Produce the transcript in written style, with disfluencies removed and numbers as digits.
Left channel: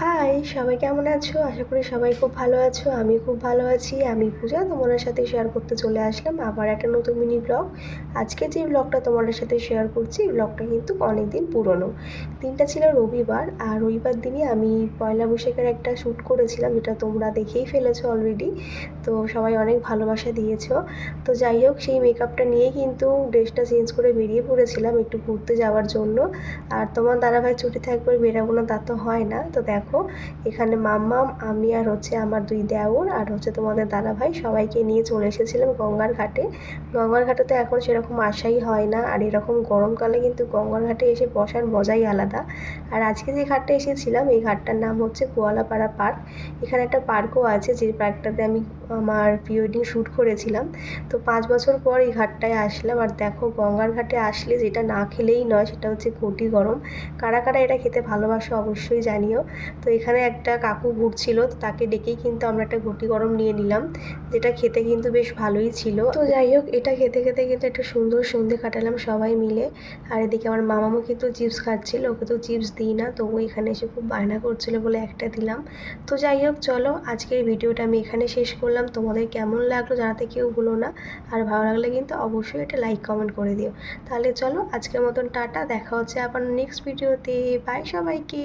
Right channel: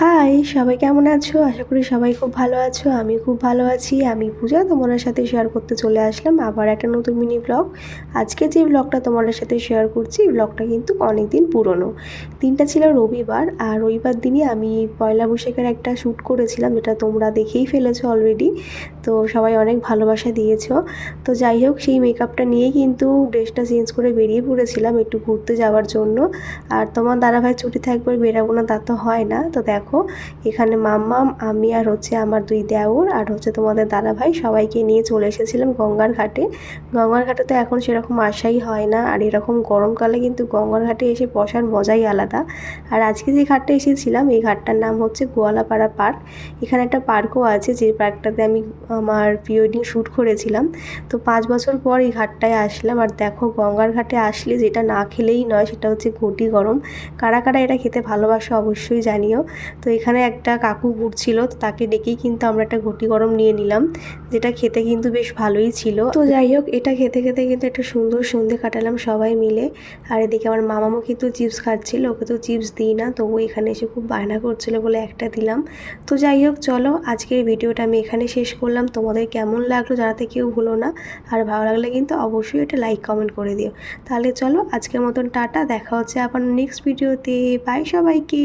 High, সবাই কেমন আছো? আশা করি সবাই খুব ভালো আছো। আমি খুব ভালো আছি। আমি পূজা তোমাদের সাথে শেয়ার করতে চলে আসলাম আবার একটা নতুন মিনি ব্লগ। আজকে যে ব্লগটা তোমাদের সাথে শেয়ার করছি, এই ব্লগটা কিন্তু অনেক দিন পুরনো। দিনটা ছিল রবিবার, আর রবিবার দিনই আমি পয়লা বৈশাখের একটা শ্যুট করেছিলাম, যেটা তোমরা দেখেই ফেলেছো অলরেডি। তো সবাই অনেক ভালোবাসা দিয়েছো। তো যাই হোক, সেই মেকআপটা নিয়েই কিন্তু ড্রেসটা চেঞ্জ করে বেরিয়ে পড়েছিলাম একটু ঘুরতে যাওয়ার জন্য। আর তোমার দাদাভাই ছুটি থাকবে বেরাবো না তা তো হয় না। তো দেখো, এখানে মাম্মাম, আমি আর আমার দুই দেওর আর তোমাদের দাদাভাই সবাইকে নিয়ে চলে এসেছিলাম গঙ্গার ঘাটে। গঙ্গার ঘাটে তো এখন সেরকম আসাই হয় না, আর এরকম গরমকালে কিন্তু গঙ্গার ঘাটে এসে বসার মজাই আলাদা। আর আজকে যে ঘাটটা এসেছিলাম, এই ঘাটটার নাম হচ্ছে গোয়ালাপাড়া পার্ক। এখানে একটা পার্কও আছে, যে পার্কটাতে আমি আমার প্রি ওয়েডিং শ্যুট করেছিলাম। তো 5 বছর পর এই ঘাটটায় আসলাম। আর দেখো, গঙ্গার ঘাটে আসলে যেটা না খেলেই নয় সেটা হচ্ছে ঘটি গরম। কারা কারা এটা খেতে ভালোবাসো অবশ্যই জানিও। তো এখানে একটা কাকু ঘুরছিল, তো তাকে ডেকেই কিন্তু আমরা একটা ঘটি গরম নিয়ে নিলাম, যেটা খেতে কিন্তু বেশ ভালোই ছিল। তো যাই হোক, এটা খেতে খেতে কিন্তু একটা সুন্দর সন্ধে কাটালাম সবাই মিলে। আর এদিকে আমার মামামও কিন্তু চিপস খাচ্ছিল, ওকে তো চিপস দিই না, তবু এখানে এসে খুব বায়না করছিল বলে একটা দিলাম। তো যাই হোক, চলো আজকের ভিডিওটা আমি এখানে শেষ করলাম। তোমাদের কেমন লাগলো জানাতে কেউ ভুলো না। আর ভালো লাগলে কিন্তু অবশ্যই একটা লাইক কমেন্ট করে দিও। তাহলে চলো আজকের মতন টাটা, দেখা হচ্ছে আবার নেক্সট ভিডিওতে। বাই সবাইকে।